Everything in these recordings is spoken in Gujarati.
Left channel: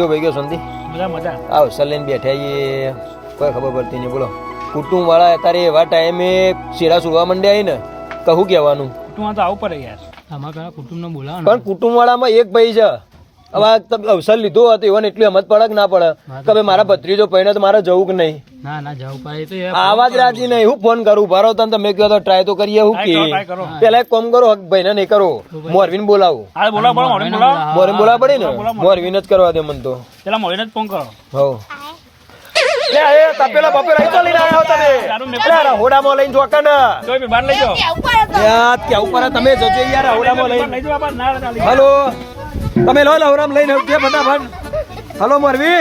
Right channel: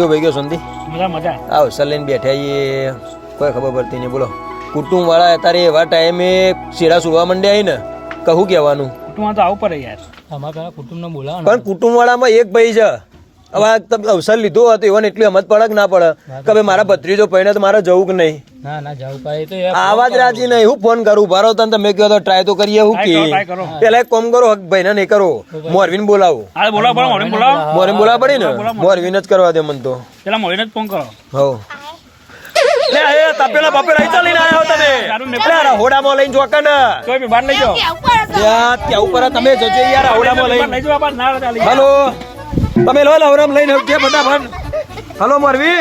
શું ભાઈ ગયો સંધી? મજા મજા. આવ સલેન બેઠા એ કોઈ ખબર પડતી નહીં બોલો. કુટુંબ વાળા અત્યારે એવા ટાઈમે શેરા સુવા માંડ્યા હોય ને કહું કહેવાનું. કુટુંબ તો આવું પડે યાર. અમારા પેલા કુટુંબને બોલાવો પણ કુટુંબ વાળામાં એક ભાઈ છે. હવે તમે અવસર લીધો હતો એવાને એટલી હમત પડે કે ના પડે? કે ભાઈ મારા ભત્રીજો પહેણે તો મારે જવું કે નહીં? ના ના જવું પડે તો આવા જ રાજી નહીં. હું ફોન કરું ભરો તને તમે કહો તો ટ્રાય તો કરીએ હું કરો, કે? પેલા એક કોમ કરો હક ભાઈને નહીં કરો. મોરવીન બોલાવો. હા બોલાવો બોલાવો મોરવીન બોલાવો. મોરવીન બોલાવા પડી ને? મોરવીન જ કરવા દે મને તો. પેલા મોરવીન જ ફોન કરો. હો લે એ તપેલા બપેલા અહીં ચાલીને આયા હો તમે. લે રહોડામાં લઈને જોકા ને તો બી બહાર લઈ જાઓ. ત્યાં ત્યાં ઉપર તમે જજો યાર રહોડામાં લઈને. ના હલો. તમે લો લવરામ લઈને આવજે ફટાફટ હલો મોરવી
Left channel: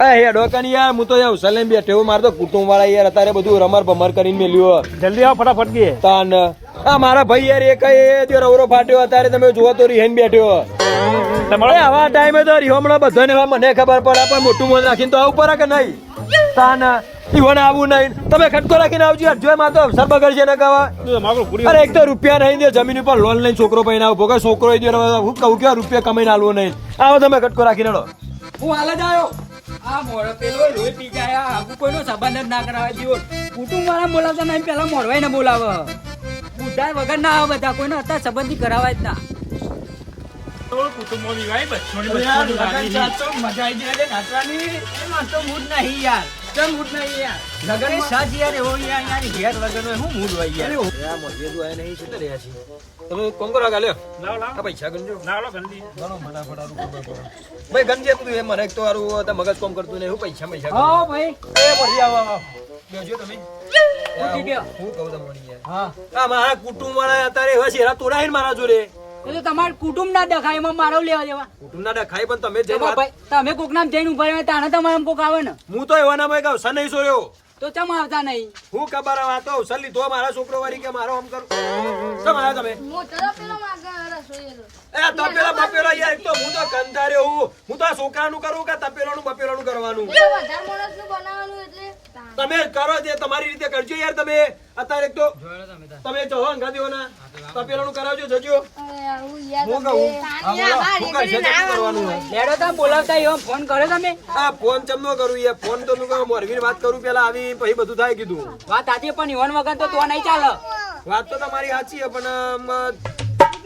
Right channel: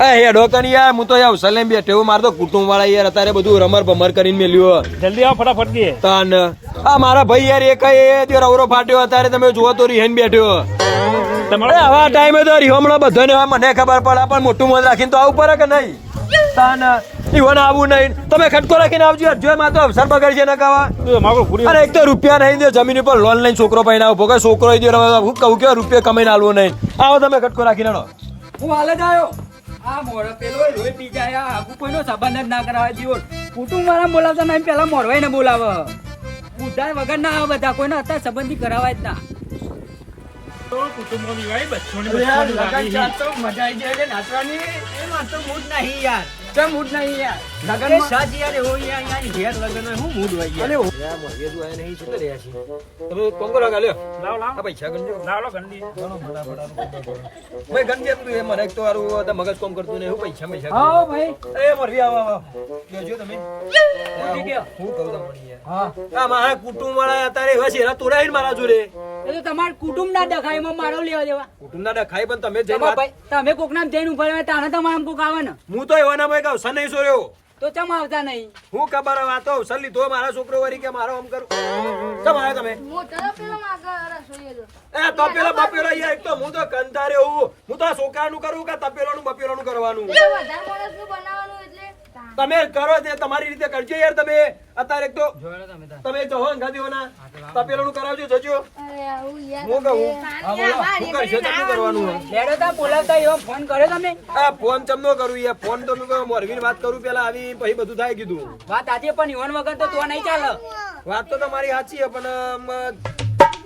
હે યાર હું તો યાર સલેમ બેઠો હું મારે તો કુટુંબ વાળા યાર અત્યારે બધું રમર ભમર કરીને મેલ્યું જલ્દી આવો ફટાફટ ગયે તાન આ મારા ભાઈ યાર એક એ તે રવરો ફાટ્યો અત્યારે તમે જોવો તો રિહેન બેઠ્યો તમારે આવા ટાઈમે તો રિહોમણો બધાને મને ખબર પડે પણ મોટું મન રાખીને તો આવું પડે કે નહીં? તાન ઈવન આવું નહીં. તમે ખટકો રાખીને આવજો યાર જો માં તો અવસર બગડશે ને કવા. અરે એક તો રૂપિયા નહીં દે જમીન ઉપર લોન લઈને છોકરો પૈણા આવો. ભોગા છોકરો હું કહું કે રૂપિયા કમાઈને આલવો નહીં. આવો તમે ખટકો રાખીને હું હાલે જ આવ્યો. આ મોરો પેલો રોય પી જાય. આગુ કોઈનો સંબંધ જ ના કરાવે. દીવો કુટુંબ વાળા બોલાવતા નહીં પેલા મોરવાઈ ને બોલાવે. બુદ્ધા વગર ના આવે બધા. કોઈને અત્યારે સંબંધી કરાવાય જ ના. મજા આવી જાય નાચવાની. એમાં તો મૂડ નહીં યાર. તો મૂડ નહીં યાર લગન સાજ યાર એવો યાર અહીંયા ઘેર લગન હોય શું મૂડ હોય યાર તમે કોમ કરો ગાલ્યો લાવો લાવો. આ પૈસા ગણજો લાવો લાવો ગંદી. ભાઈ એ મને તો હારું તો મગજ કોમ કરતું નહીં હું પૈસા પૈસા. હા ભાઈ. એ મરજી આવો આવો. બેસજો તમે. હું કહું તમને યાર હા. આ મારા કુટુંબ વાળા અત્યારે એવા શેરા તોડાઈને મારા જોડે. એ તો તમારું કુટુંબ ના દેખાય એમાં મારો લેવા દેવા. કુટુંબ ના દેખાય પણ તમે જઈને વાત તમે કોક નામ જઈને ઊભા રહ્યા તાને તમારા કોક આવે ને? હું તો એવા નામ કહું સન નહીં સોર્યો તો ચમ આવતા નહીં? હું ખબર હવે આ તો અવસર લીધો મારા છોકરો વાળી કે મારો આમ કરું. કેમ આવ્યા તમે? મોટા પેલો. એ તપેલો બપેલો યાર એક તો હું તો કંધારે હું. હું તો આ છોકરાનું કરું કે તપેલાનું બપેલોનું કરવાનું? વધારે માણસનું તમે કરો તે તમારી રીતે કરજો યાર તમે. અત્યારે તો તમે જો તપેલા નું કરાવજો જજો. અરે આવું યાર હું કહું? હા બોલો. શું કરશે તો કરવાનું લેડો તા બોલાવતા એવો ફોન કર્યો તમે? આ ફોન ચમનો કરું યાર? ફોન તો મેં મોરવીની વાત કરું પેલા આવી પછી બધું થાય કીધું. વાત આજે પણ ઈવન વગર તો તો નહીં ચાલે. વાત તો તમારી સાચી છે પણ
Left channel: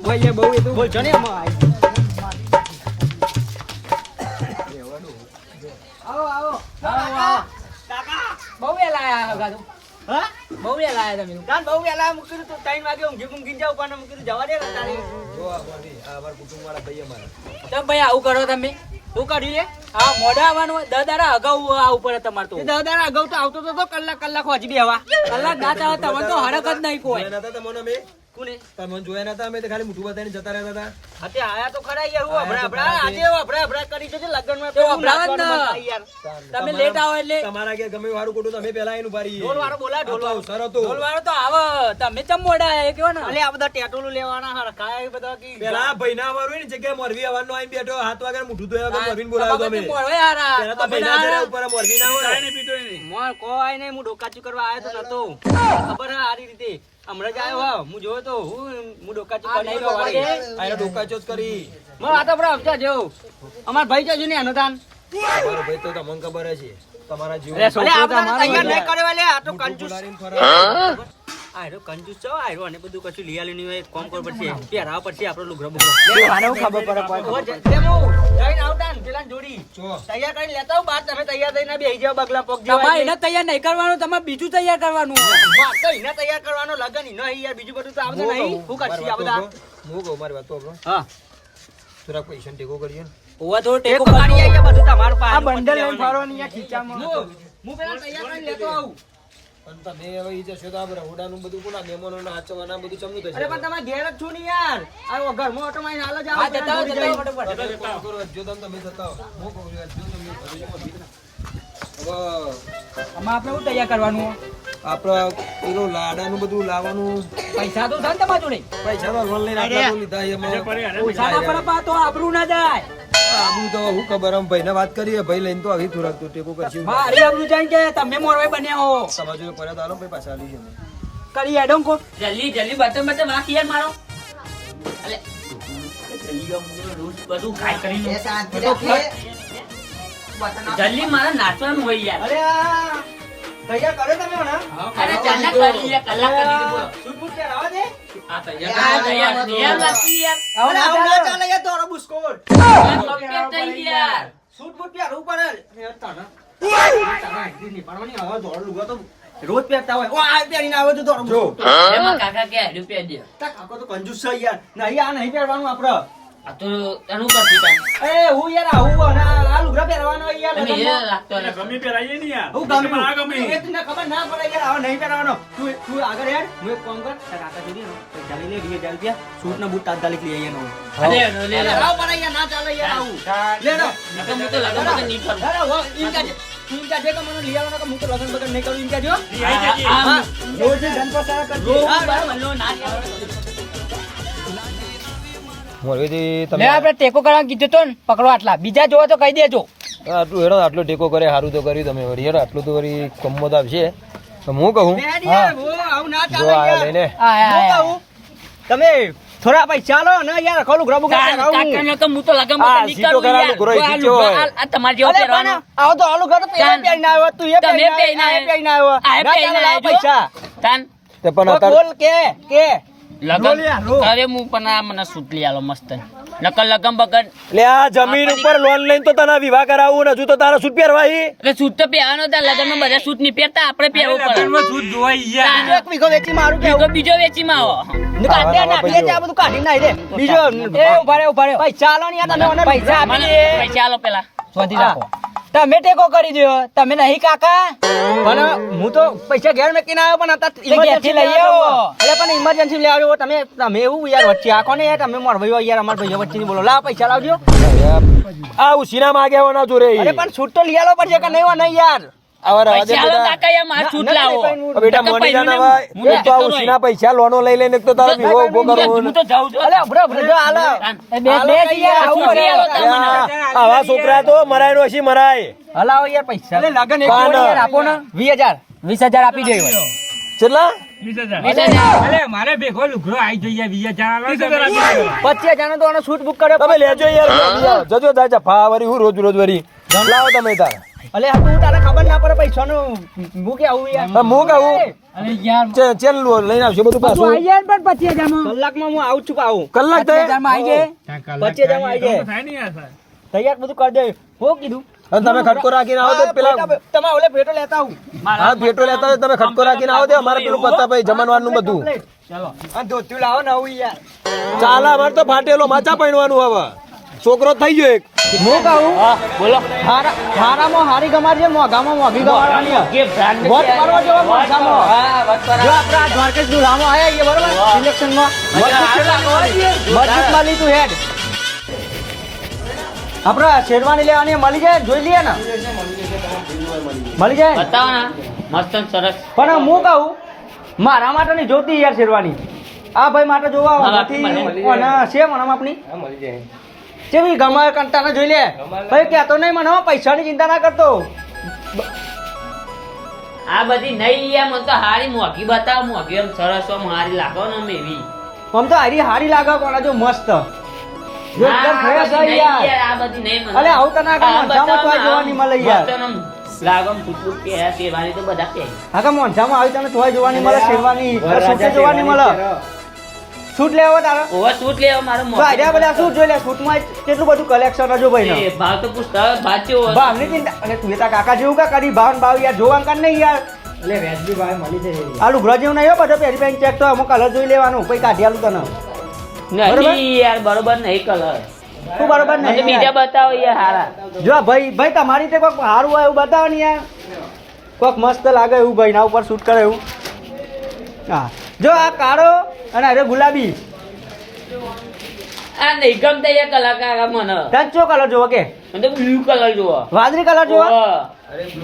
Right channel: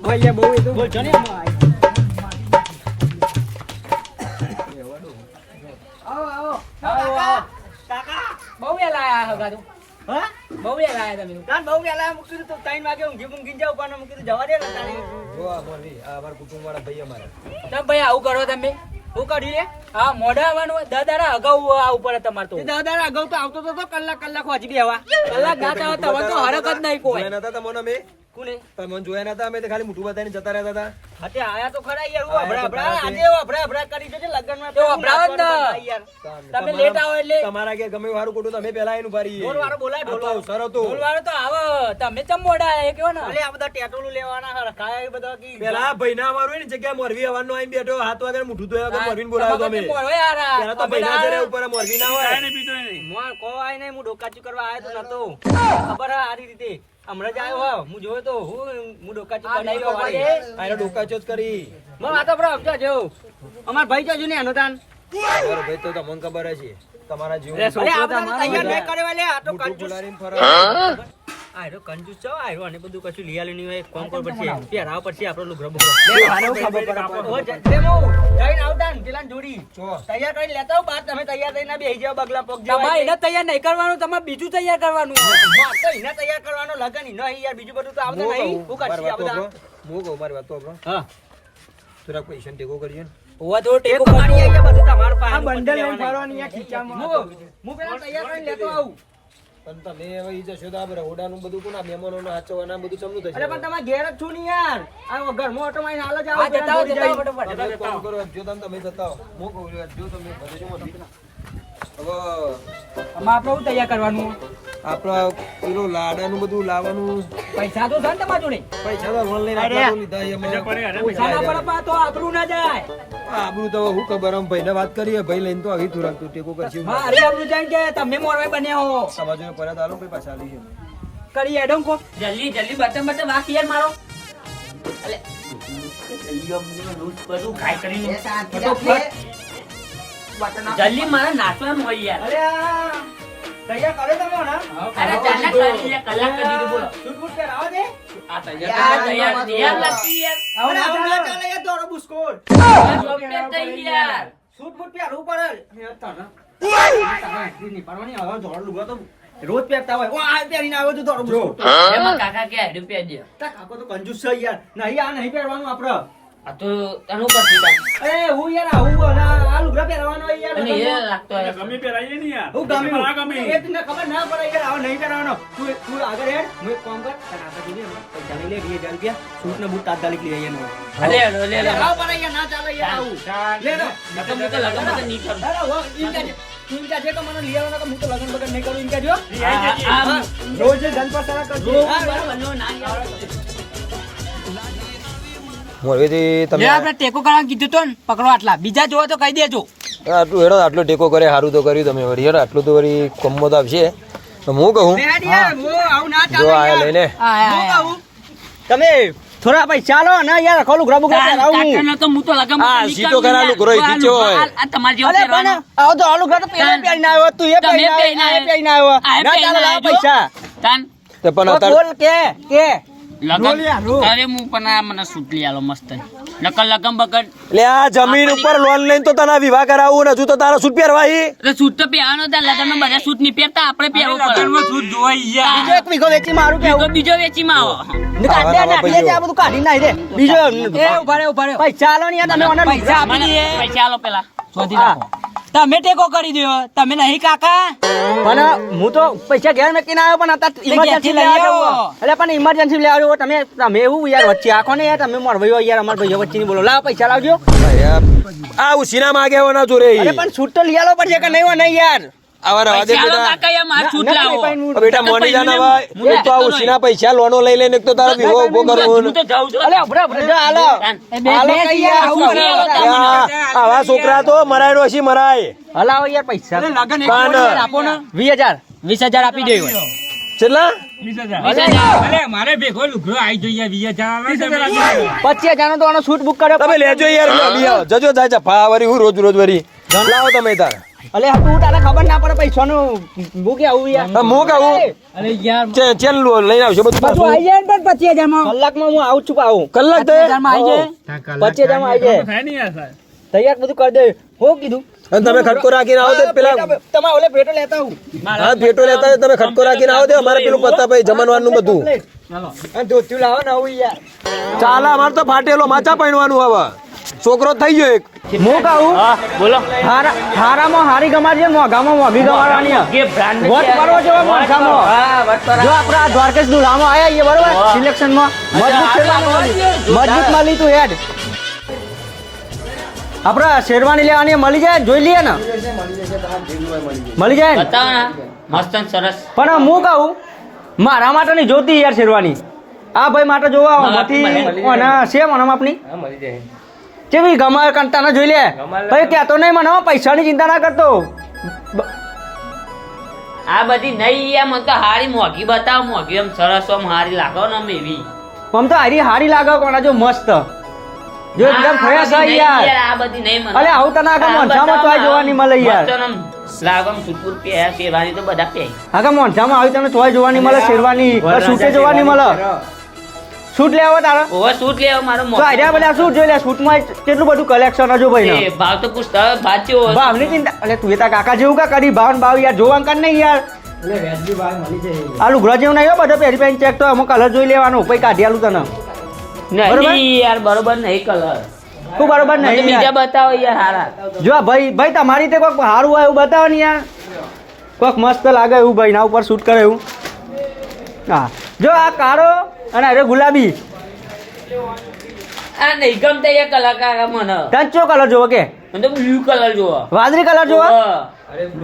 ભાઈ બહુ એ તો બોલજો ને એમાં. આવો. આવો આવો. આવો બહુ વેલા આયા હગા તો હા? બહુ વેલા આયા તમે. કાન બહુ વેલા મૂકી તો 3 વાગે ઊંઘી ઊંઘી જાવ પણ મૂકી જવા દે તારે. જો આ મોરવી, આ અમારા કુટુંબવાળા ભાઈ અમારા. તમે ભાઈ આવું કરો તમે. શું કરી હા મોઢા આવવાનું હોય દાદારા અગાઉ આવું પડે તમારે તો. દાદારા અગાઉ તો આવતો તો તો કલાક કલાક વાજી બેવા કલાક ના ચાલે તમને તો હરક જ નહીં કોઈ. નતા તમને અમે કોને? તમને જોયા નતા અમે તો ખાલી મુઠું બતાવીને જતા રહેતા હતા. હાથે આયા તો ખરા યાર હું તો ખરા તે. આજે અભરા અભરા કરી છે લગ્નમાં. તો અભરા જ ના. તમે લેટ આવો એટલે. તમારા કે ગમે વારું ખોટું તમે પહેલા આવીને ઊભા ઢોલ વાળો બોલા ઢોલ તો સર હતો. ઢોલ વાળો તો આવો. તમે ચમ મોડા એ કેવો ને? અલે આ બધા ટેટોલું લેવાના હારા કાયા એ બધા કી. પેલા આ ભાઈના હોય ને જગ્યાએ મોરવી આવવાનો આઈ બેઠો હાથ વાગે મુઠું ધોયા વગર મોરવીને બોલાવ્યો તમે અમે. પેલા તો ભાઈના ઘરે ઉપર મોરવી ના હોય. કાંઈ નહીં પીતો નહીં. મોર કોઈ નહીં હું ડોકાચું કરવા આયો તો નતો. ખબર આ રીતે. હમણાં જ આવ્યો હું. જોયો તો હું હું ચોક કરી. આને કરી. મોર આ તો બરાબર જેવો અમાર ભાઈ છે ને અનુદાન? મારો ભાઈ તો તમને ખબર છે. તમારા જીવ અલે આપણે તૈયાર નહીં કરવા લે આ તો કંજૂસ ફુલારીને ફરે. આયરો કંજૂસ છો આયરો. અને બધું કશું લઈ આલ્યું નહીં હોય કોમ કર પડશે પહેરાવ પડશે આપણો લુગરો બુગરો આને ખબર પડે જઈને આવતા ને પેલા જોડી. તૈયાર કરીને લેતા બાર તમે તૈયાર થઈને બેસી જાવ બગલા પોક જેવા એને તૈયાર નહીં કરવાનું તમારે બીજું તૈયાર કરવાનું. તો એને તૈયાર કરવાનો લગન ઈ યાર બીજું બધું તો આવતું હું નહીં. કહું, કરશી આ બધા? હું કહું, મારી વાત તો આપણો. હા. થોડાક પૈસા ટેકો કરજો ને. ઓવા થોડો ટેકો કરવાનો બધું તમારું પાસે બંડલ લેવાનું. હું પેલા તૈયાર કરીને લેતો આવું. પણ તમે હવે ઈ જશો તો આ રહોડાનું બધું કોના મહેમાનોને હાચવવાના બધું ચમનું થશે? અરે પણ તમે ઘેર જ છો ને યાર. આ ઘરમાં ઓટો માં હાલ જ આવો જતા. તમે એક કામ કરો, જો તમે તમે જતા હો. કહું જો તમે ઘરે જો ને. હવે આમાં આપણે શું તૈયાર કરવાનું? આપણા પેલું લાડાનું બધું લાવવાનું. પૈસા તો છે ને તમારા જોડે? પૈસા તો લોન લઈને આપણે લીધા પૈસા ના પડે પા તો આબરૂ ના જાય. આબરૂ તો હું ખબર આમ ભાઈને વાત કરીએ ભાઈ લઈને તો આવી થોડાક તો ટેકો કરશે. મારી આબરૂ જાણ કે તમે મોરવાઈ બન્યા હો. સમાજ ને પડ્યા તો હાલો, ભાઈ પાછા આલી છે કરી એડમ કો જલ્દી જલ્દી બટન બટન વાંક યાર મારો. અલે. બધું ખાઈ કરી. જલ્દી મારા નાચવાનું હોય યાર. અરે તૈયાર કરે તમે હમણાં? અરે ચાલના કરી લે, કલાક કરી દીધું બોલો. સૂટ બૂટ પહેરાવો દે. આ તૈયાર કરવા તૈયાર લાગતી યાર અરે આવું. ના ચાલે યાર, દોડો બુસ્કોટ. કમ્પ્લીટ થઈ યાર સૂટ બૂટ પહેરવું પડે. અરે તારા. તારા entry નહીં પાડવાની, હવે દોડ લુગડો તો રોજ પહેરતા હોય. ઓ આ પહેરીને આવે તો દોડો બુસ્કોટ. એમાં કાકા કે હેડ પહેર દે. તા કાકો તો કંજૂસ છે યાર. નહીં આ નહીં પહેરવાનું આપડે આ તો એનું કરતી અરે હું યાર આવું આ લુગડા પહેરવાના યાર અને એ. લાગતો હોય ગમે પેલાઈએ નહીં યાર. હું ગમી આ ગમે. એ તને ખબર ના પડે યાર આવો નહીં પહેરવાનો. તું તું આગળ હેડ હું એક કામ કર તારા આતા જોડે ને પૈસા લઈ લે ડીએ ચાલી ગયા સૂટ ને બૂટ તાત્કાલિક લઈ આવીએ નો લે લે આવો પડે યાર ના ચાલે યાર આવું. લે લો. નકર હું તો લગન બગન નહીં કરું. અરે હો ઈન તું જા જે તો મને લઈ આવવાનો હું તો લગન બગન નહીં કરું. ઈન જો રોજ ધન પર તારા કરજો બરાબર. ના યાર. મોરવીથી તમે આપણે ટેકો કરવા કીધું તો ને પકડો આટલા. બીજા જોવો તો કહી દેજો. આટલું હેડો આટલો ટેકો કરે સારું તો કર્યું તમે. વળી હેડો આટલું તો વળી કમો તો આવશે. તો હું કહું? આવું ના જો આ લઈને તમે થોડા ભાઈ ચાલો ને યાર ખોલું ગ્રબુ પહેરાવું હું તો હું તો લગન આ સીટો કરું ગ્રોય યાર. આ ખીચ્યો હોય. આ- આ જેવો અલે પણ આવો તો આલુ ઘર તો પેલો તાન. આવ્યો તું એ પહેરીને પહેરીને આવ્યો. ના ચાલો લાવ પૈસા. તન. તે પણ બોલ કે કે? લગન. યાર, અરે હું પણ આ મને સૂટ લઈ આલો મસ્ત. નકલ લગન બગન. લે આ જમીન ઉપર લોન લઈને તો તને વિવાહ કરાવું ને હજુ તો તારા સૂટ પહેરવા એટલે સૂટ તો પહેરવાનો હતા લગનમાં બધા સૂટ નહીં પહેરતા આપણે પહેરવું પડે. બીજો એક વીઘો વેચી મારું બીજો વેચી વેચીમાં આવો. ને કાઢી દે, નાખી આ બધું કાઢી નાખી દે બીજો એ ઊભા રહે ઊભા પૈસા આલો ને યાર તમે મને પૈસા આપી દે. પૈસા આલો પેલા. શોધી રાખો તમે ટેકો કરી દો તમે નહીં કાકા. પણ હું તો પૈસા ઘેર મેકીને આવ્યો પણ અત્યારે ઇમરજન્સી લઈ આવ્યો. એટલે પણ ઇમરજન્સી લઈ આવ્યો. તમે તમે એવું યાર વચ્ચે આખો ને યાર તમે મોર ભાઈઓ યાર અમારા ભાઈઓ વચ્ચે બોલો. લા પૈસા લાવજો. આ ઉસીના માગે જોરે. રે અરે પણ છૂટ તો લઈ આલો પડશે કે નહીં હોય નહીં યાર. આવા રવા દે બેટા. કાકા યાર મારે સૂટ ના, લાવો. ના, નહીં, ઓ બેટા મોની જાના ભાઈ એક તો આ ઉસીના પૈસા લોનો લઈ લઈને એક તો તારો વિવો ઊભો કરવો હું તો જાઉં છું. અલે અભરે અભરે જો હાલો. એ બે હાલો બે કઈ છીએ, યાર, આવું શું કરે. કરે? આ- આવા છોકરા તો મરાય નો હસી મરાય હલાવો યાર પૈસા. કાન આપો ને. વીસ હજાર. વીસ હજાર આપી દેવો કેટલા? પચીસ હજાર. નો તો આનો બુક કર્યો. તમે લેજો યાર જજો જાય છે ફા વરી હું રોજ રોજ વરી લાવો તમે તાર. અલે આ તું તારે ખબર ના પડે પૈસાનું બુક આવું યાર. હા, હું કહું અરે યાર ચે ચેન લો લઈને આવશે બધું પાછું. આવી જાય પણ પચીસ હજારમાં. કલાકમાં હું આવું છું આવું કલાક પચીસ થાય હજારમાં આવી જાય. પચીસ હજારમાં આવી જાય તૈયાર બધું કરી દે. હું કીધું? અને તમે ખટકો રાખીને આવો તો પેલા તમે ઓલે ભેટો લેતા આવું. હા ભેટો લેતા હોય તમે ખટકો રાખીને આવો દે. અમારે પેલું પત્તા ભાઈ જમણવાનું બધું. અને ધોતિયું લાવો ને આવું યાર. ચાલા અમારે તો ફાટેલો માચા પહેરવાનું હવે. છોકરો થઈ ગયો એક. હું? કહું બોલો. હારામાં હારી ગમાડજે મોઘામાં મોઘી ગમાડવાની કે બ્રાન્ડ વટ જેવો મોઘામાં. હા વટ જો આપણા દ્વારકેશનું દુરામાં આયા છીએ બરોબર? સિલેક્શનમાં મજબૂત શેરવાની મજબૂત માલી તું હેડ. આપણે શેરવાની લેવાની મળી જાય જોઈ લઈએ ને. મળી જાય? મસ્ત સરસ. પણ હું કહું? મારા માટે નહીં જોતી યાર શેરવાની. આ ભાઈ માટે જોવા હતી ઓના છે મળી આપની કેવી ગમે કંટાના જોઈ લે. ભાઈ કહેતો નહીં મને પૈસાની ચિંતા ના કરતો. આ બધી નહીં એમ તો હારી મોઘી બતાવ મોઘી એમ સરસ આમ હારી લાગો ને એવી. આમ તો હારી હારી લાગો પણ જો મસ્ત. જો એકદમ ફ્રેશ યાર. આ બધી નહીં મને. અરે આવું તો ના આ મોઢામાં તો જોવાની મળે યાર. લાગમ આમ સુતપુર પહેર્યા તો બધા પહેરે આગળ મોઢામાં આવી તમે તોય જોવાની મળે શેરવાની સૂટે જોવાની મળે સૂટ લેવો તારો. ઓવર સૂટ લેવો મારો મોટો આર્યા બધા સૂટ જોઈ લે સૂટમાં કેટલું બધું કલેક્શન હજુ ભાઈ એ ભાવ તો પૂછતા હવે ભાવ કેવો હશે? ચિંતા અરે તું એ કાકા જેવું કા કરી ભાવ ને ભાવ યાર જોવા કર નહીં યાર. આ લુગડા જેવું નહીં બધો પહેરી પહેરી ચેક તો અમુક કલર જોઈ લેવાનો પછી કાઢી આલું તને. નહીં યાર બરોબર નહીં કલર શું બરોબર નહીં બીજા બતાવો યાર હારા. જો ભાઈ ભાઈ તમારી તે કોઈક સારું હોય એવું બતાવો ને યાર. કોઈક મસ્ત લાગે એવું ભાઈ ના ઉપર શૂટ કરે એવું હા. જો આ કાળો અને અરે ગુલાબી. આ નહીં ગમતા એ કલાકાર મને. ચો કલર જોવો કે? મને તો બ્લુ કલર જોવો. વાદળી કલર જોવો.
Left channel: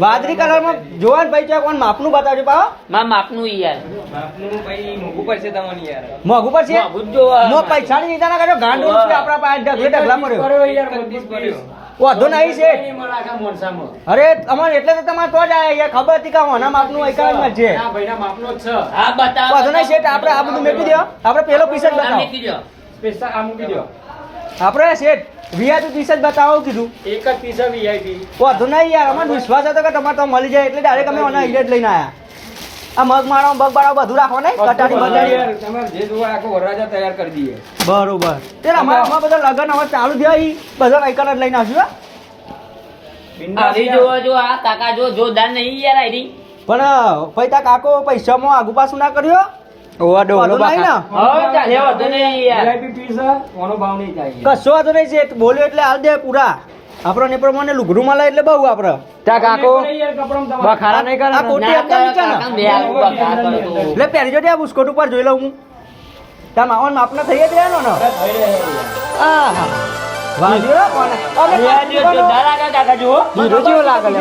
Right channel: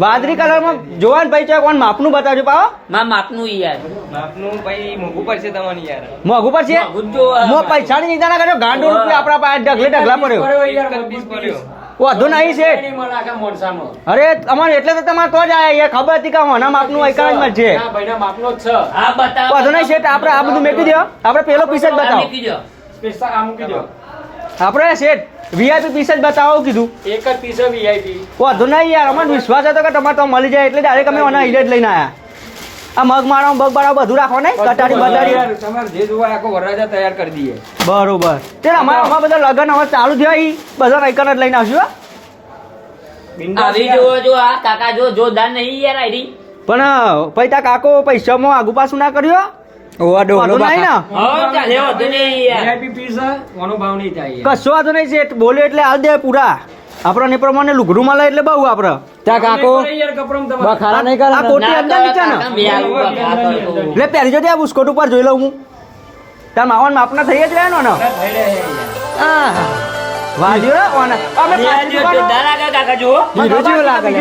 વાદળી કલરમાં જોવાન ભાઈ ચોક કોણ માપનું બતાવજો પાવો મારા માપનું યાર. મોંઘું પડશે મોંઘું જ જોવા. મો પૈસાની ચિંતા ના કરો ગાંડો રૂપિયા આપણા પાસે ઢગલે ઢગલા પડ્યો. વાંધો નહીં છે અરે અમારે એટલે તો તમારે તો જ આયા ખબર હતી કે મના માપનું એકાવન જ છે. હા બતાવો વાંધો નહીં શેઠ આપણે આ બધું મેકી દો. આપણે પેલો પીસ જ બતાવો. મૂકી દો. સ્પેશિયલ આ મૂકી દો. આપણે શેઠ વીઆઈપી પીસ જ બતાવો કીધું. એક જ પીસ વીઆઈપી વાંધો નહીં યાર અમાર વિશ્વાસ હતો કે તમારે તો મળી જાય એટલે ડાયરેક્ટ અમે ઓના હિલે જ લઈને આવ્યા આ મગ મારો બગ મારો બધું રાખો ને કટારી બટાડી તમારે જે જોવા રાખો વરરાજા તૈયાર કરી દઈએ. બરોબર. તે અમારા અમારા બધા લગન હવે ચાલુ થયા ઈ બધો વાઇકલ જ લઈને આવશું હો. આવી જો જો આ કાકા જો જોરદાર નહીં યાર આઈડી પણ પછી કાકો પૈસામાં આગુ પાછું ના કર્યો ઓવા ડોગરો વાંધો નહીં ચાલે વધુ નહીં યાર. વીઆઈપી પીસ ઓનો ભાવ નહીં થાય કશો વાંધો નહીં છે બોલ્યો એટલે આ દે પૂરા. આપણને પ્રમાણે લુગડું મળે એટલે બહુ આપણે ત્યાં કાકો બખારા નહીં કરે આ કોટી અંદર નીચે. એટલે પહેરી જોજે આ બુસ્કોટ ઉપર જોઈ લઉં હું. ત્યાં માવન માપના થઈ જ રહેવાનો ને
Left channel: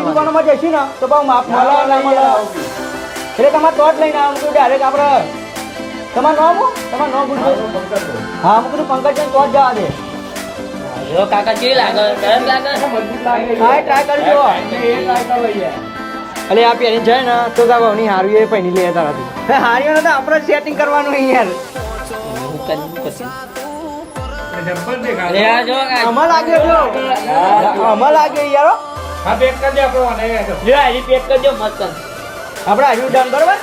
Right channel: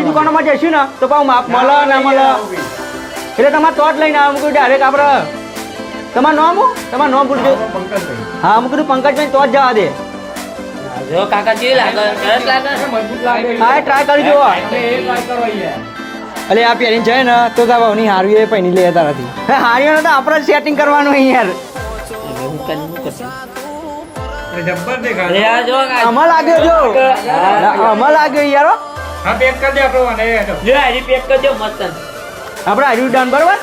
દુકાનોમાં જઈશું ને તો બહુ માપ નહીં એટલે તમે તોટ લઈને આવું ડાયરેક્ટ આપણે તમારું નામ હું? તમારું નામ પૂછજો હા હું કીધું પંકજભાઈ તો જવા દે. જો કાકા કેવી લાગે સરસ લાગે છે હા ટ્રાય કરી જુઓ અલે આ પહેરીને જાય ને તો તારો ની હારી એ પહેરી લે તારાથી. હારીઓ તો આપણે સેટિંગ કરવાનું યાર. આપડે આ જો કાકા. આમાં લાગે જો આમાં લાગે યાર હો. હા પેક કરી દે આપણો અને એ તો. જો. આઈડી પેક કરજો મસ્ત આપણે હાર્યું ડાન બરાબર?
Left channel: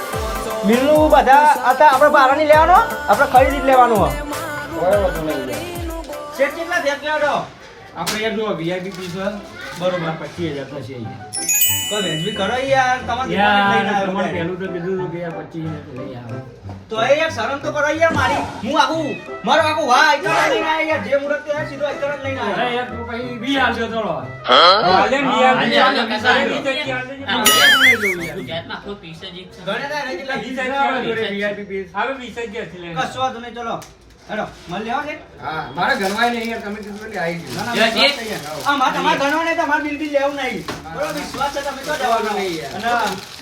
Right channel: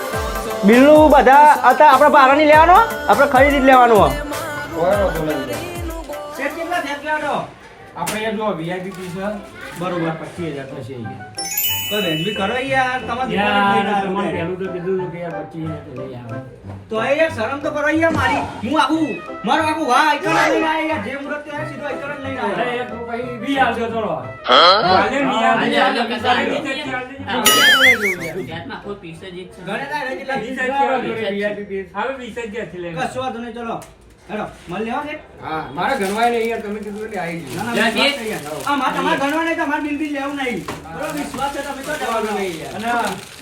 બધા અત્યારે આપણે ભાડાની લેવાનો આપણે ખરીદી જ લેવાનું તો. સેટ કેટલા થયા કેટલા આપણે જો વીઆઈપી પીસ બરોબર પચીસ હજાર થશે અહીંયા. કોઈ વેચવી કરો યાર તમારે યાર, લઈને આવ્યો છે. પહેલું તો કીધું કે યાર પચીસ હજાર લઈ આવો. તો એ યાર શરમ તો કરો યાર મારી હું આખું મારો આખું વાહ આઈટમ લઈને આવ્યો યાર જે મુહૂર્ત તો સીધો આઈટમ લઈને અરે આવ્યો એક પછી વી આવજો ચલો. હાલે ને વી આવજો. હાલે, હાલે, કાકા, હાલે. વીસ જ ચાલે. હા. વીસ જ લઈ લઉં યાર. ગુજરાતમાં કોઈ પીસ જ એક છે. ગણે આવે? જોડે VIP પીસ. હવે વીસ જ ક્યાંથી કશો વાંધો નહીં ચલો હેડો મળ લેવા છે હા, મારે ગણવાય નહીં યાર તમે કીધું એટલે આવી ગયું. ના, ના હા ગયા. આ ગણવા નહીં તમારે બિલ બિલ લેવું નહીં બરોબર વિશ્વાસ છે તમે તો દેવાનું નહીં યાર. અને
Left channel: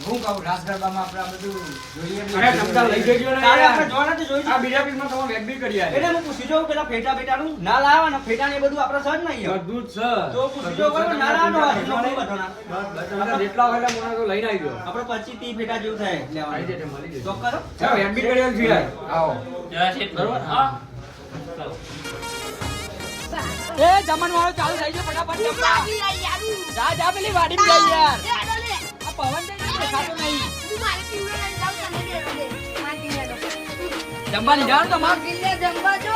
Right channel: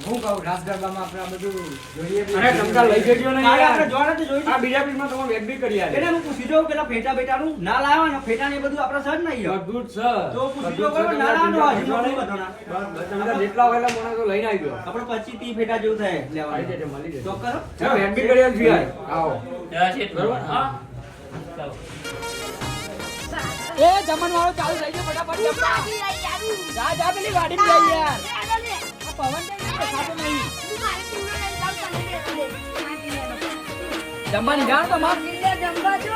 હું કહું રાસ ગરબામાં આપણે આ બધું જોઈએ બી. અરે તમતાર લઈ જજો ને અરે આપણે જોવાના તો જોઈશું. આ બીજા પીસમાં તમે વેચ બી કરી એટલે હું પૂછી જોઉં પેલા ફેટા બેટાનું ના લાવવા ને ફેટા ને બધું આપણે સજ નહીં બધું જ છે. તો પૂછી જો બધું જ બરોબર, છે. ના લાવવાનું નો નથી બધાના. જેટલા હોય મને તો લઈને આવી ગયો આપણે પચીસ ત્રીસ ફેટા જેવું થાય આવી લેવાનું. જશે, મળી જશે. ચોક્કસ હો? ચાલો, વેચ બી કરી યાર. આવો બરોબર? હા. એ જમણ વાળો ચાલુ થઈ ગયો ફટાફટ. જા જા પેલી વાડી માં જઈ યાર. આ પવન ને દેખાતો નહીં. જમવા નહીં જમવા જો.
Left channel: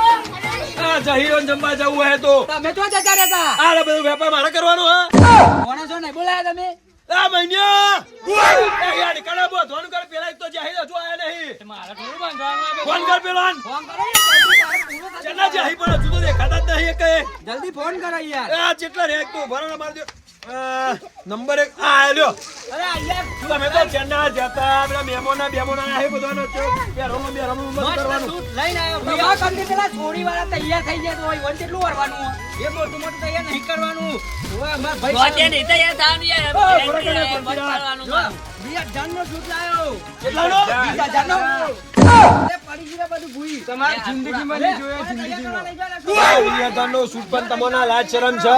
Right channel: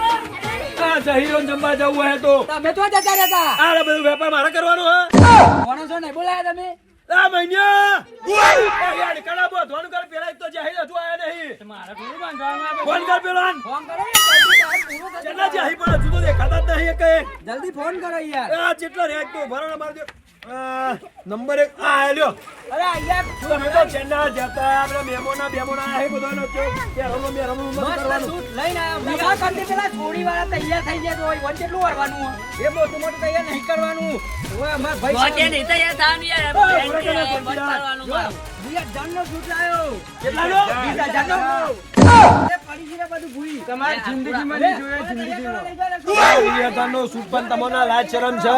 આ જહીરો ને જમવા જવું હે તો. તમે તો જતા રહેતા. આ બધું વેપાર મારે કરવાનો હા. કોને છો નહીં બોલાયા તમે? આ મહિન્યા એ યાર કડા બો ધોન કર પેલા તો જાહેર હજુ આયા નહીં. મારે થોડું બાંધવાનું. ફોન કર પેલા ફોન કરો જલ્દી તારે પૂરું થશે. ચેટલા જાહી પણ હજુ તો દેખાતા જ નહીં કઈ જલ્દી ફોન કરો યાર. આ જેટલા રેક તો ભરો માર દો. નંબર એક. આ આલ્યો અરે આ તમે તો ચેન્ના જતા આપણા મેમોના બેમોના આ બધાનો તો પેરોનો બેરોનો બંધ કરવાનો. લઈને આવ્યો. વિવાહ કરતી પેલા થોડી વાર તૈયાર થઈ ગયા તો હોય વન કેટલું વારવાનું એ મોટું મોટું તૈયાર નહીં કરવાનું. હવે અમારા ભાઈ ગોતે નહીં તૈયાર થવાનું યાર. મત કરવાનું બીજા જાનનો વીસ લાયો. સૂટ બીજા પડી ગયું બધું ભૂઈ. તમારી જિંદગીમાં નહીં જોયા જિંદગીમાં. પણ તમને લાજ શરમ છે.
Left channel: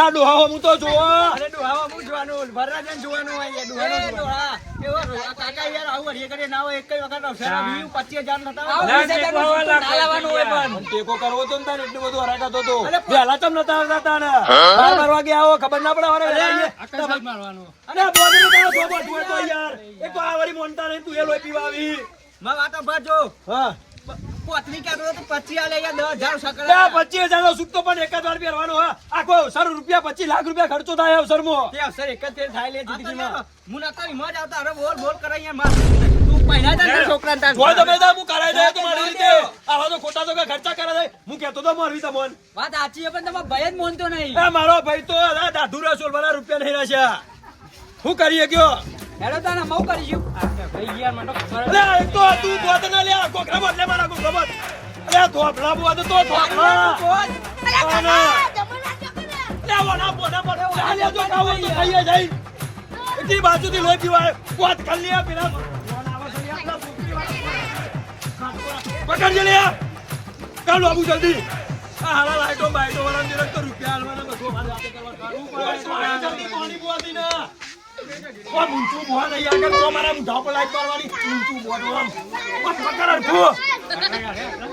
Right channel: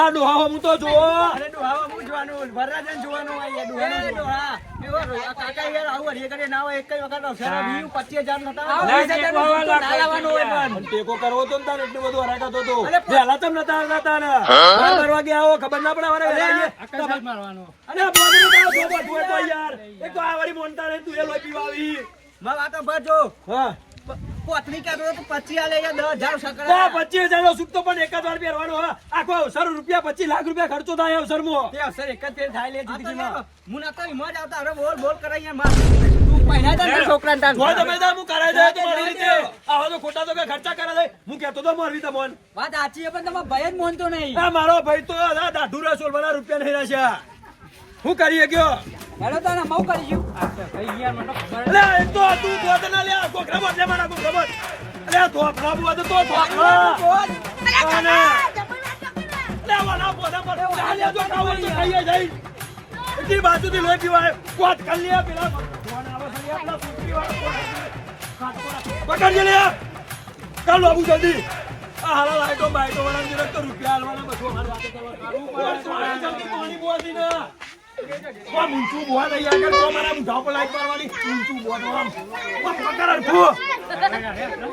આ ડોહાઓ હું તો જોવા. અરે ડોહામાં હું જોવાનું વરરાજાને જોવાનું અહીંયા યાર ડોહાનો જોવાનું. આ કાકા યાર આવું હરીએ કરે ના હોય એક કઈ વખત અવસર વીસ પચીસ હજાર થતા ના લાવવાનો હોય પણ. ટેકો કરવો તો ને તારે એટલું બધું હરાકાતો તો. પેલા તમ નતા હરાતા ને બરાબર ગયા આવો ખબર ના પડે વારે વેલા મારવાનો. અને આ બોડીનું કાં ધોબો ધોય તો યાર. એક તો આ વાળી મોનતા નહીં તું એ લોહી પીવા આવી. મારી વાતો ભરજો. હા. પોતરી કાઢો તો પચી આલે યાર દસ હજાર સકરા. પચીસ હજાર નો સૂટ પણ એક વાર પહેરવાનો હા. આખો અવસર રૂપિયા પચીસ લાખ રૂપિયા ખર્ચો થાય અવસરમાં. તે અવસર એક જ થાય લે જિંદગીમાં. હું નતા વીમો આવતા, હવે બોલ બોલ કરે યાર માર. તું પહેલા જ અંદર તાન. જોઈ તમે તો હું કરાઈ દે તો મારી રીતે. આવા તો ખોટા તો ખર્ચા કરા છે. હું કેતો તો મોરવી તમને. વાત સાચી છે પણ તમારો ભય જ માનતો નહીં. આ મારો ભાઈ તો આ દાઢુ રસોલ વાળા રૂપિયા નહીં રહેશે હું કરીએ ગયો હેલો તો મઉ કરીશું ભાઈ યાર મને ખબર અલે એક તો તું બોત ના લે કોકરા બોત લે મારા કોકરા બોત અલે તો અને વના બોના બોત ચાલે તો તો કહીએ જઈ. એટલી બાજુથી લોહી પીવાય. કર લે પેલા. ભગવાન આવે છે? લે આપણા વાળા પકડજે લે કાલ બાબુ જલ્દી. આ હાલા લાઈટો બાઈટો વાળા તો રૂપિયા હાલવાના બધું. અમારે હાથે કરવા કાઢવું પડે. જલ્દી પાણી બોવાથી ના. કોણ ઊંચું બોવા નહીં આગળ તો મારા મુઢા પર લાઈટ મારવાની ઊંચું બોવાનું આમ. પણ પકડ હરખું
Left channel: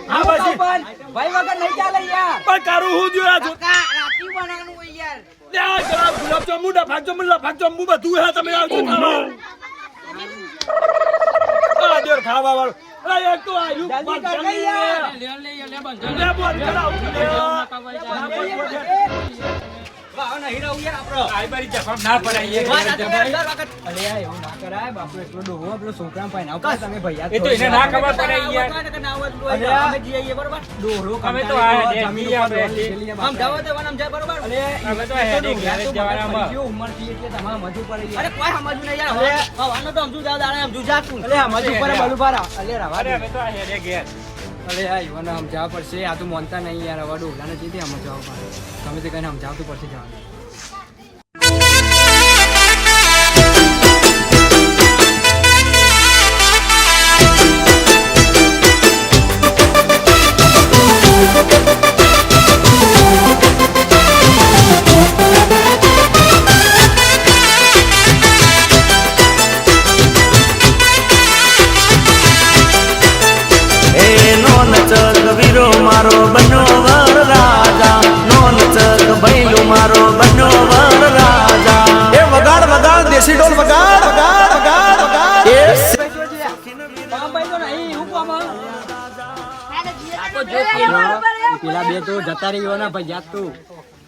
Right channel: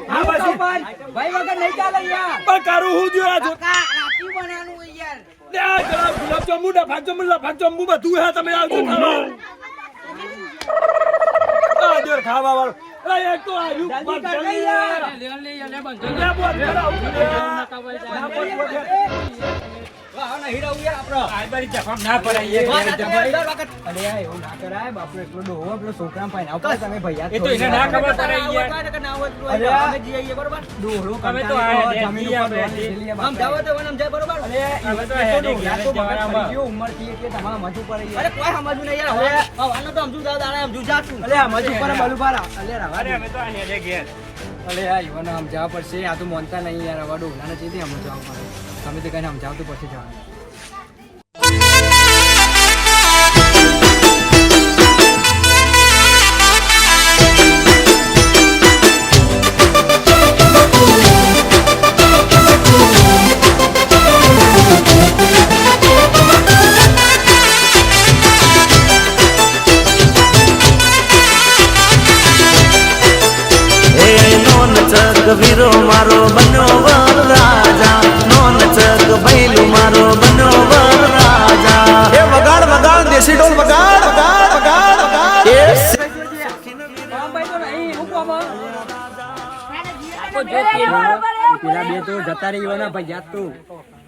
હા પછી ભાઈ વગર નહીં ચાલે યાર. પણ કરું હું દ્યો આ જો રાતી બનાવવાનું યાર. લે આ ગુલાબ ગુલાબ જાંબુ ના ભાગ જાંબુ ના ભાગ જાંબુ બધું હે તમે આવજો ખાવા. આ દેર ખાવા વાળો. અરે એક તો આયુ જલ્દી કર કઈ લે બોલ કરાવ અરે આ સમજુ પડે બલું પારા. અલે રવા દે. અલે આ યુવાનો સમજાવવા પડશે આ તો માનતા નહીં યાર હવે ડોહલાને ચીથી સમજાવવા પડે તમે તો કહીને સમજાવતું પડશે જવાનું યાદ તો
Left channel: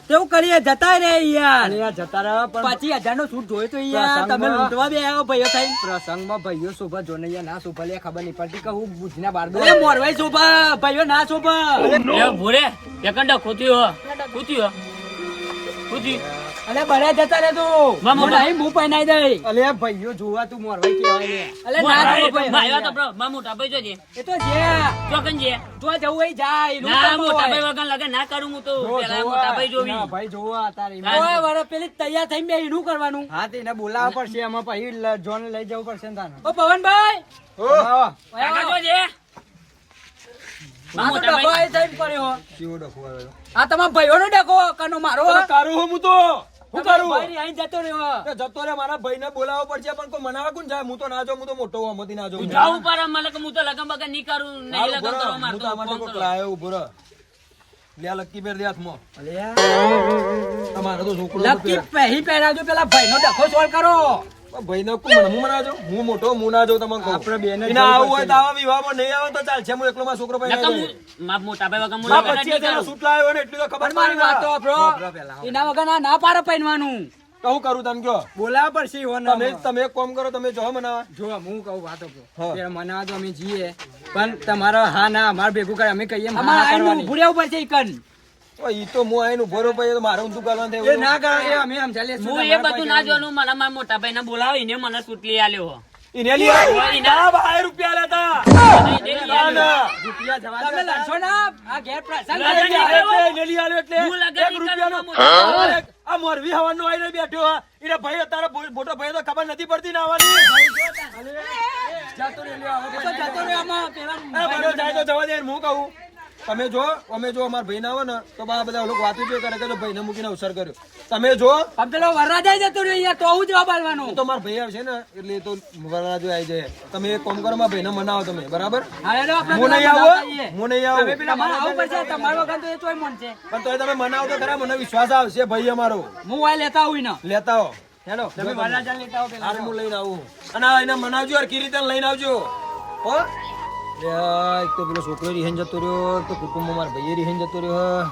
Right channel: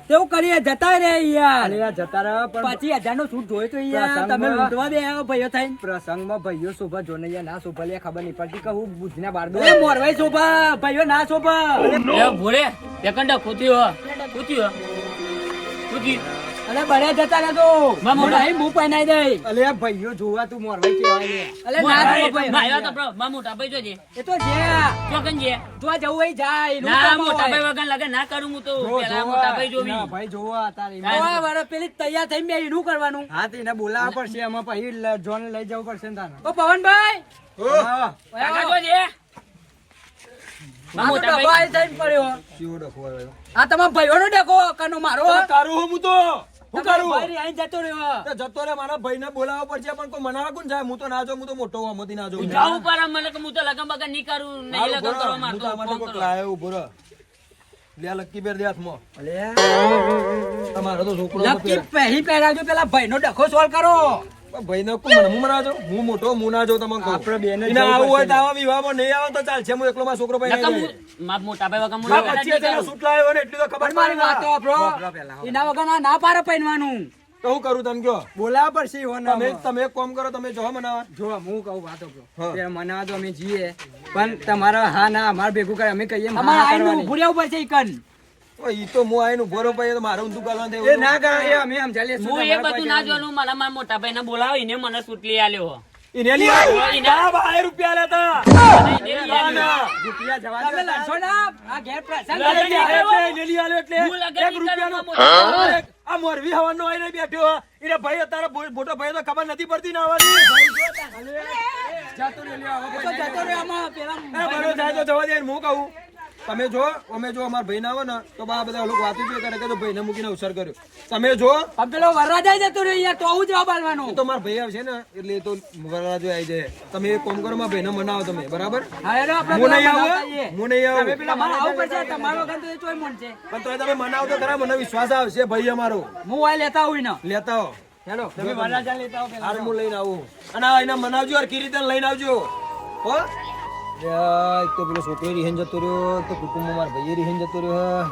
કેવું કરીએ જતા રે યાર. યાર જતા રહ્યા પણ પચીસ હજારનું સૂટ જોયું તો યાર. તમે લૂંટવા બે આવ્યો ભાઈઓ થઈ પ્રસંગમાં ભાઈઓ શોભા જોને યાર ના શોભા લે ખબર નહીં પડતી કે હું બુધના બાર એ મોરવાઈ શોભા ભાઈઓ ના શોભા. એ ભૂરે એકંડા ખોતી હો ખોતી હો. ખોત્યું. અલે બરે જતા રે તું માં મોટા. નહીં હું પહેનાઈ દઈ. અલે ભાઈઓ જોવા તું મોરવાઈ કેવાય ને અલે ના રે ભાઈ, ભાઈઓ તો ભાઈ બ્રો, માં મોટા ભાઈ જોજે એ તો જે ચોકન જે તો જવું હોય જાય નું મોટા ભાઈ વગર લાગે ના કરું હું તો. પેલા મોટા ભાઈ જોવી. ના, ભાઈ જોવા તારી ઓય, વરે પેલી તૈયાર થઈને બે ઈનું કરવાનું. હા તેને બોલાવવા પડશે. એમાં પછી જોન લઈ જવું પડશે ને તાને ઓ પવનભાઈ. ઓ કાકા જોજે આ તમારો ભાઈઓ નો ભાઈ. કાનો ડખો કનો મારો. તારું હું તો હું કરું? ભાઈ રી જતો રહ્યો જતો રે મારા ભાઈને બોલાવવો પડશે પણ કોઈ મનાવે કોણ જાય? હું તો ના જાઉં હું તો મોટો હોઉં, મતી ના જાઉં. જાવું પર મને કે હું તો લગન બગન નહીં કરું નહીં લગન કરવા માંગતો હું તો કોક કરો. લાયો, ઊભો રહો. લ્યા લક્કી બેર દે હાથમાં. અલ્યા. આ તો છોકરો લક્કી પહેરી. પહેરાજો પેલા ભાઈનો ડખો સોલ કરો. ભાઈને કોણ હું મનાવે છું? હું મોટો હું ના જો તમને કહું. આપણે બેને ને આવું હોય તો આવા વિવાહમાં નહીં આવે તો ચાલશે હું એકલો માં છોકરો ભાઈ ના હું- મોટા ભાઈ વગર મોટા ભાઈ કરું. સૂટ લાવ્યો ને એટલી તો ખબર મારી વાત તો ને. વાપરો. એના વગર ના ના પાડે પહેરવાનું તો હું કરું તને કયો બોલાવા પડશે ઈવોને. તમે તમે એક કામ કરો તમે જો મનાવા જો હું કહું વાતો પેલા મનાવા તો અમે જીએ પણ તમારા હા ના અમાર ભેગું કરે અમે કહીએ અમારે આઈને ઊભું રહેવું પડશે ઈકન. તો ઈ તો હું મારે એ ના એ અમે. હું એ બધું ના જોવાનું મારા મારા મોટા ભાઈ ને મને આલ્યો રૂપિયા લેતા. રૂપિયા જવા તમે લડશો ના? આ ઘેર પ્રસંગ. એટલે આલ્યો રૂપિયાનો આ મોરબી હવાનો આઈને બેઠો હે. ભાઈ તારા મોટો ભાઈ તો ખબર નથી પડતી ને આવવાની જતો રે તો જતો આમાં પેલા બરો જાય તો જવા દે હું કહું. તમે જો અમે જો અમારા ભાઈ ના આવે ને તો બા બધા લોકો વાતું કરે કે ભાઈને મૂકીને અવસર કર્યો. તમે જો આમ પેલો વરરાજા જતો રહ્યો અહીંયા તો હું જવાબ આલવાનો તો મારા ભાઈ આવશે ને એટલે તો વરરાજો આવી જાય. તમે એક કોમ કરો મારા ભાઈને મનાવો તમે બરાબર? હા એટલે આપણે હું નહીં આવું હું નહીં આવું. તમે પેલા મારા આવું પડશે તમારો વગર તો એ તોય મન છે. પણ તોય તમે મનાવો તો ખરા મને વિશ્વાસ આવશે ભાઈ અમારો. હું આ લેતા આવું ને લેતા આવો. હેલો તમે વરરાજા લેતા આવો પેલા. હું લઈને આવું. અને એના મનાવજો કી રીતે લઈને આવજો. હો? એક તો પેલો છોકરો રીહેન જતો રહ્યો તો કુટુંબ મારા ભાઈ રીહેન જતો રહ્યો